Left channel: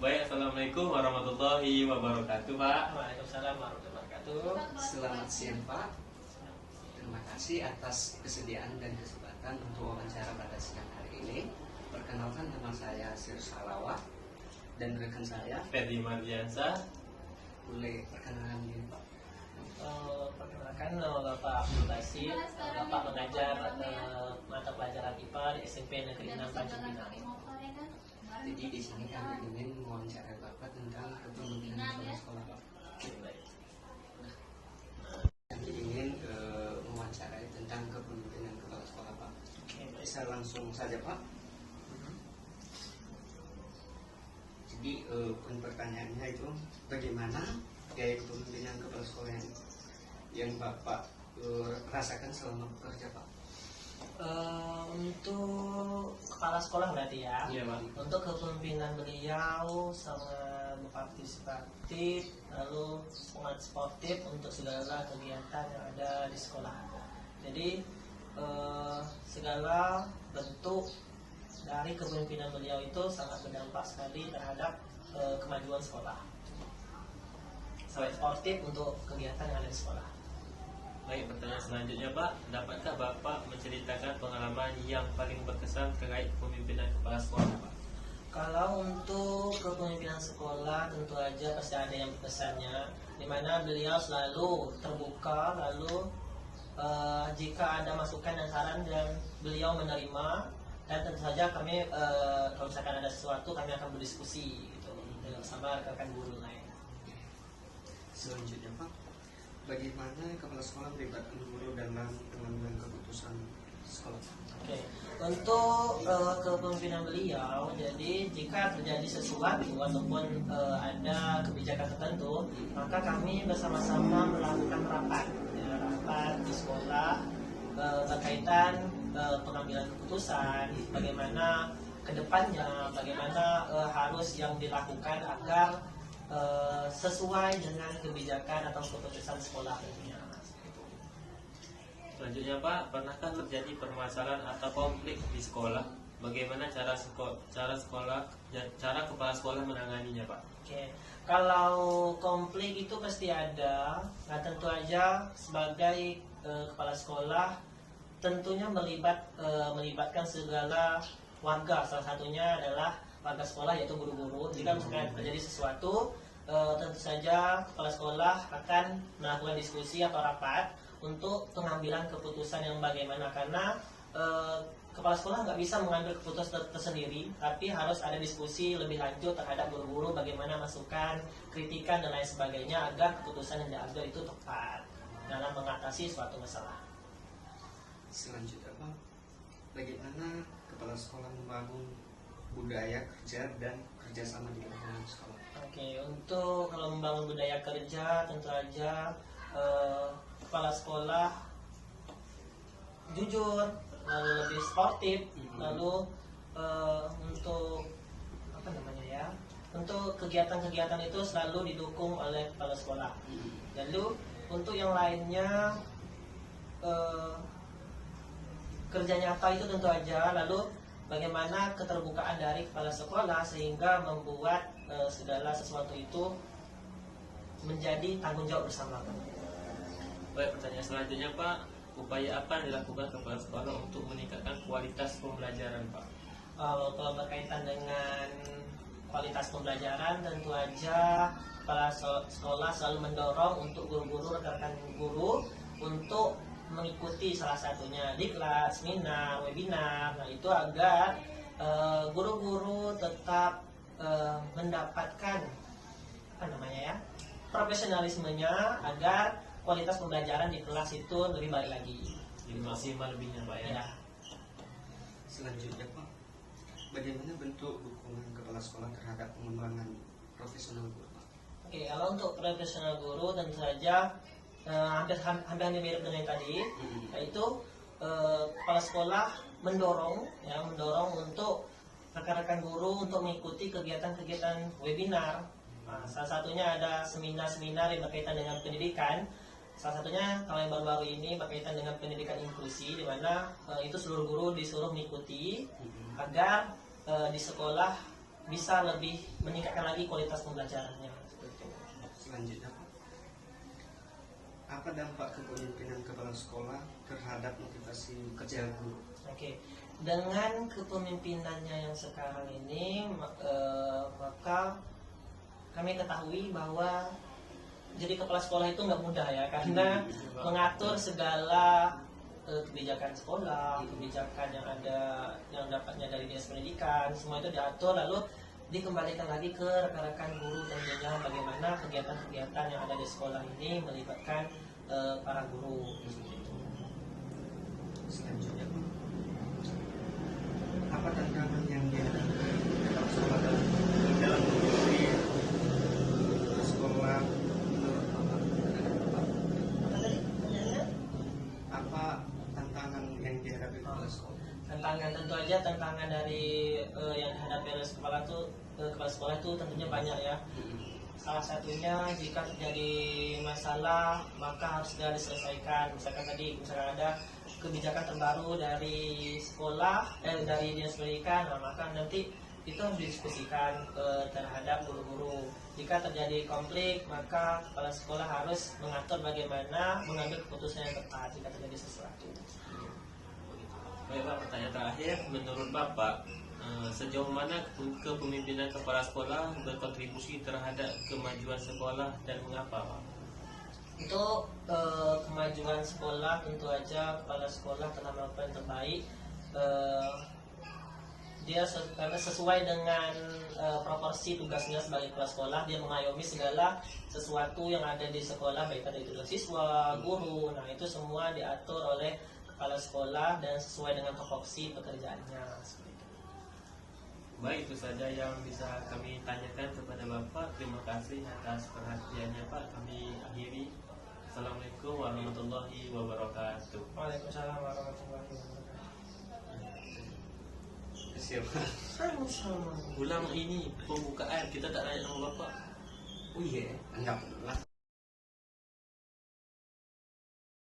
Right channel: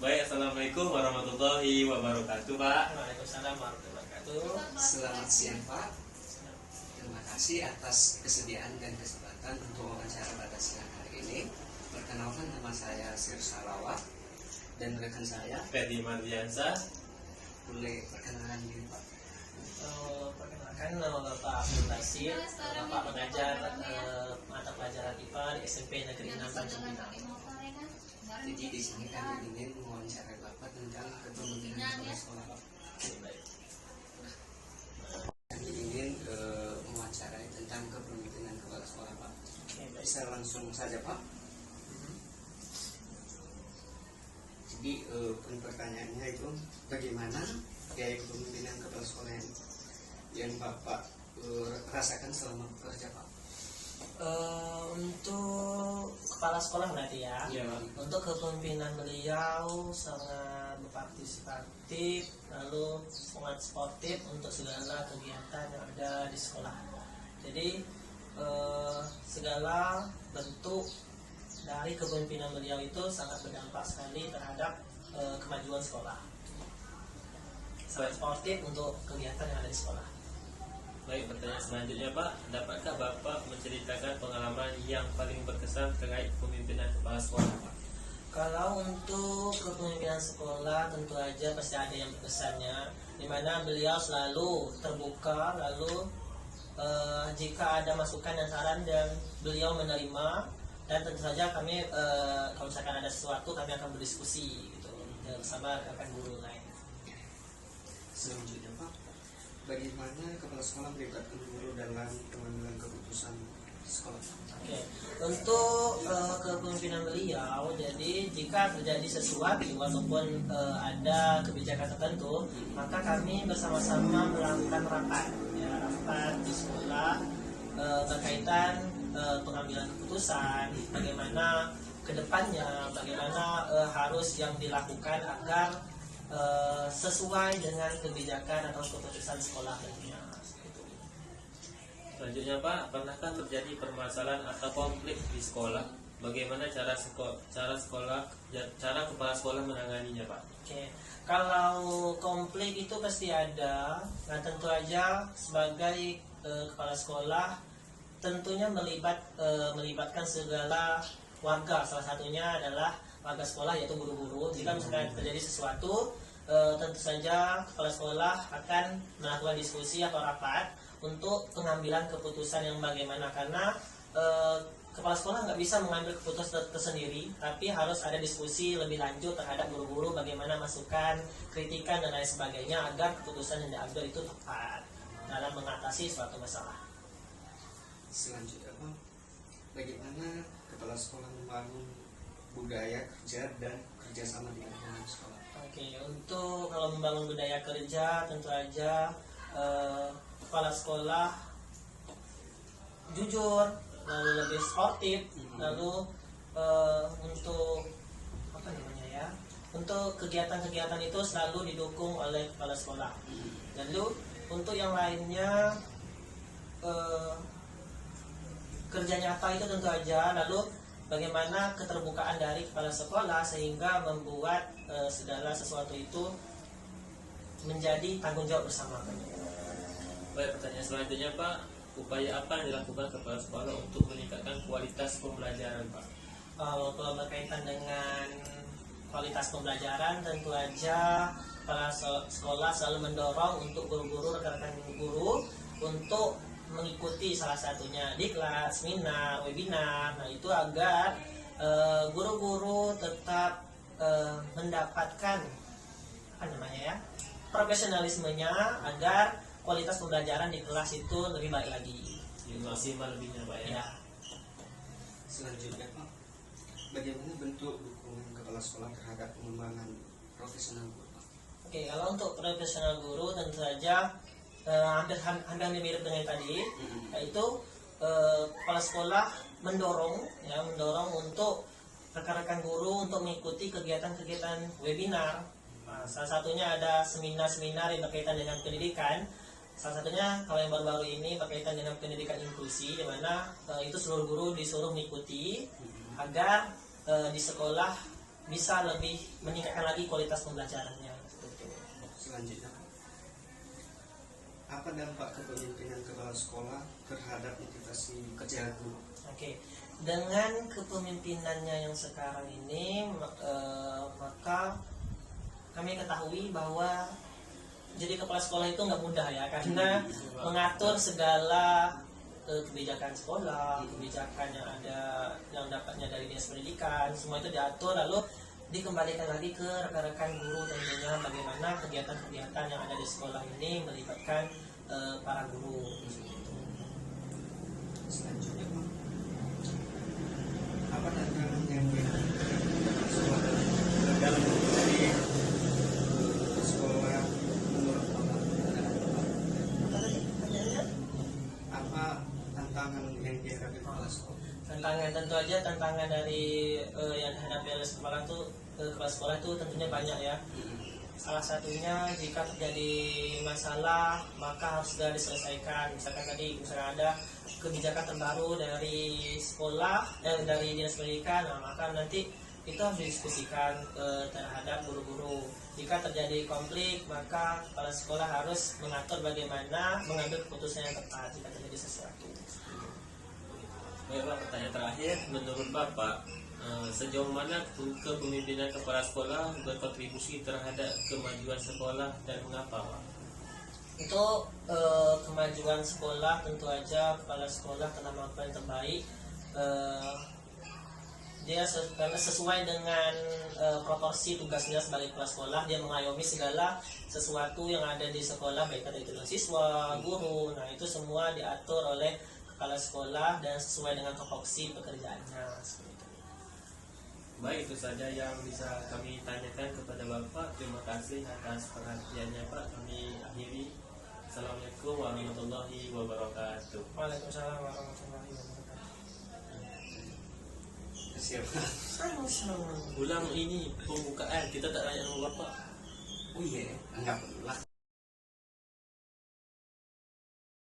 Baik, assalamualaikum warahmatullahi wabarakatuh, Pak. Waalaikumsalam warahmatullahi wabarakatuh. Selamat siang Pak. Terima kasih atas kesediaan dan kesempatan untuk wawancara pada siang hari ini. Perkenalkan, nama saya Sir Salawat dan rekan saya. Ferdi Mardiansa. Boleh perkenalan diri Pak? Perkenalkan, nama Bapak Abdul Basir. Bapak mengajar mata pelajaran IPA di SMP Negeri 6 Tanjung Pinang. Jadi di sini kami ingin mewawancarai Bapak tentang kepemimpinan kepala sekolah Pak. Kami ingin mewawancarai tentang kepemimpinan kepala sekolah Pak. Bisa langsung saja Pak. Jadi poin pertanyaannya itu bagaimana gaya kepemimpinan kepala sekolah yang Bapak rasakan selama bekerja Pak? Untuk kepala sekolah berarti ya. Iya, Pak. Untuk kepemimpinan beliau sangat berpartisipatif, lalu sangat sportif untuk segala kegiatan yang ada di sekolah. Jadi segala bentuk dari kepemimpinan beliau itu sangat berdampak sekali terhadap kemajuan sekolah. Sangat sportif untuk kegiatan yang ada di sekolah. Baik, pertanyaan selanjutnya, Pak. Dapatkah Bapak menceritakan pengalaman yang paling berkesan terkait kepemimpinan kepala sekolah, Pak? Kalau untuk kepemimpinan sekolah tentu aja pasti ada yang berkesannya, di mana beliau selalu terbuka, lalu jika ada masukan dan saran dan beliau menerima, dan tentu saja kami kalau misalkan ada sesuatu kami akan berdiskusi gitu bersama rekan guru lain. Selanjutnya Pak, bagaimana kepala sekolah melibatkan guru dalam pengambilan keputusan sekolah? Oke. Untuk kepemimpinan beliau, jadi jika terjadi sesuatu ataupun ada kebijakan tertentu, maka kami bersama-sama melakukan rapat di sekolah berkaitan pengambilan keputusan, bagaimana kedepannya, bagaimana harus yang dilakukan agar sesuai dengan kebijakan atau keputusan sekolah tentunya. Selanjutnya, Pak, pernahkah terjadi permasalahan atau konflik di sekolah? Bagaimana cara kepala sekolah menanganinya, Pak? Oke, kalau konflik itu pasti ada. Nah, tentu aja sebagai kepala sekolah tentunya melibatkan segala warga. Salah satunya adalah warga sekolah, yaitu guru-guru. Jika misalnya terjadi sesuatu, tentu saja kepala sekolah akan melakukan diskusi atau rapat untuk pengambilan keputusan yang bagaimana, karena kepala sekolah nggak bisa mengambil keputusan tersendiri, tapi harus ada diskusi lebih lanjut terhadap guru-guru, bagaimana masukan, kritikan dan lain sebagainya agar keputusan yang diambil itu tepat dalam mengatasi suatu masalah. Selanjutnya Pak, bagaimana kepala sekolah membangun budaya kerja dan kerjasama di lingkungan sekolah? Oke, untuk kalau membangun budaya kerja tentu aja kepala sekolah jujur, lalu lebih sportif, lalu untuk apa namanya ya, untuk kegiatan-kegiatan itu selalu didukung oleh kepala sekolah. Lalu untuk yang lainnya kerja nyata itu tentu aja, lalu bagaimana keterbukaan dari kepala sekolah sehingga membuat segala sesuatu itu menjadi tanggung jawab bersama. Baik, pertanyaan selanjutnya, Pak. Upaya apa yang dilakukan kepala sekolah untuk meningkatkan kualitas pembelajaran, Pak? Kalau berkaitan dengan kualitas pembelajaran, tentu aja kepala sekolah selalu mendorong untuk guru-guru, rekan-rekan guru untuk mengikuti salah satunya diklat, seminar, webinar. Nah, itu agar guru-guru tetap mendapatkan apa namanya ya, profesionalismenya, agar kualitas pembelajaran di kelas itu lebih baik lagi. Maksimal lebihnya, Pak, ya. Selanjutnya Pak, bagaimana bentuk dukungan kepala sekolah terhadap pengembangan profesional guru Pak? Oke, kalau untuk profesional guru tentu saja hampir mirip dengan tadi, yaitu kepala sekolah mendorong untuk rekan-rekan guru untuk mengikuti kegiatan-kegiatan webinar. Nah, salah satunya ada seminar-seminar yang berkaitan dengan pendidikan. Salah satunya kalau yang baru-baru ini berkaitan dengan pendidikan inklusi, di mana itu seluruh guru disuruh mengikuti agar di sekolah bisa lebih meningkatkan lagi kualitas pembelajarannya. Selanjutnya Pak, apa dampak kepemimpinan kepala sekolah terhadap motivasi kerja guru? Oke, dengan kepemimpinannya yang sekarang ini, maka kami ketahui bahwa jadi kepala sekolah itu nggak mudah ya, karena mengatur segala kebijakan sekolah, kebijakan yang ada yang dapatnya dari dinas pendidikan, semua itu diatur lalu dikembalikan lagi ke rekan-rekan guru tentunya bagaimana kegiatan-kegiatan yang ada di sekolah ini melibatkan para guru. Selanjutnya Pak, apa tantangan yang dihadapi kepala sekolah dalam menjadi sekolah menurut Bapak dan Bapak? Apa tantangan yang dihadapi kepala sekolah? Tantangan tentu aja tantangan dari yang dihadapi oleh kepala sekolah itu tentunya banyak ya. Salah satunya jika terjadi masalah maka harus segera diselesaikan. Misalkan ada kebijakan terbaru dari sekolah dari dinas pendidikan, maka nanti itu harus didiskusikan terhadap guru-guru. Jika terjadi konflik maka kepala sekolah harus mengatur bagaimana mengambil keputusan yang tepat jika terjadi sesuatu. Baik Pak, pertanyaan terakhir, menurut Bapak sejauh mana kepemimpinan kepala sekolah berkontribusi terhadap kemajuan sekolah dan mengapa Pak? Itu kemajuan sekolah tentu aja kepala sekolah telah melakukan yang terbaik. Dia sesuai dengan proporsi tugasnya sebagai kepala sekolah, dia mengayomi segala sesuatu yang ada di sekolah baik itu siswa, guru. Nah itu semua diatur oleh kepala sekolah dan sesuai dengan proporsi pekerjaannya. Baik, itu saja yang bisa kami tanyakan kepada Bapak. Terima kasih atas perhatiannya Pak. Kami akhiri. Assalamualaikum warahmatullahi wabarakatuh. Waalaikumsalam warahmatullahi wabarakatuh. Siapa? Ulang ini pembukaan, kita tak tanya sama Bapak. Oh iya, enggak perlu lah.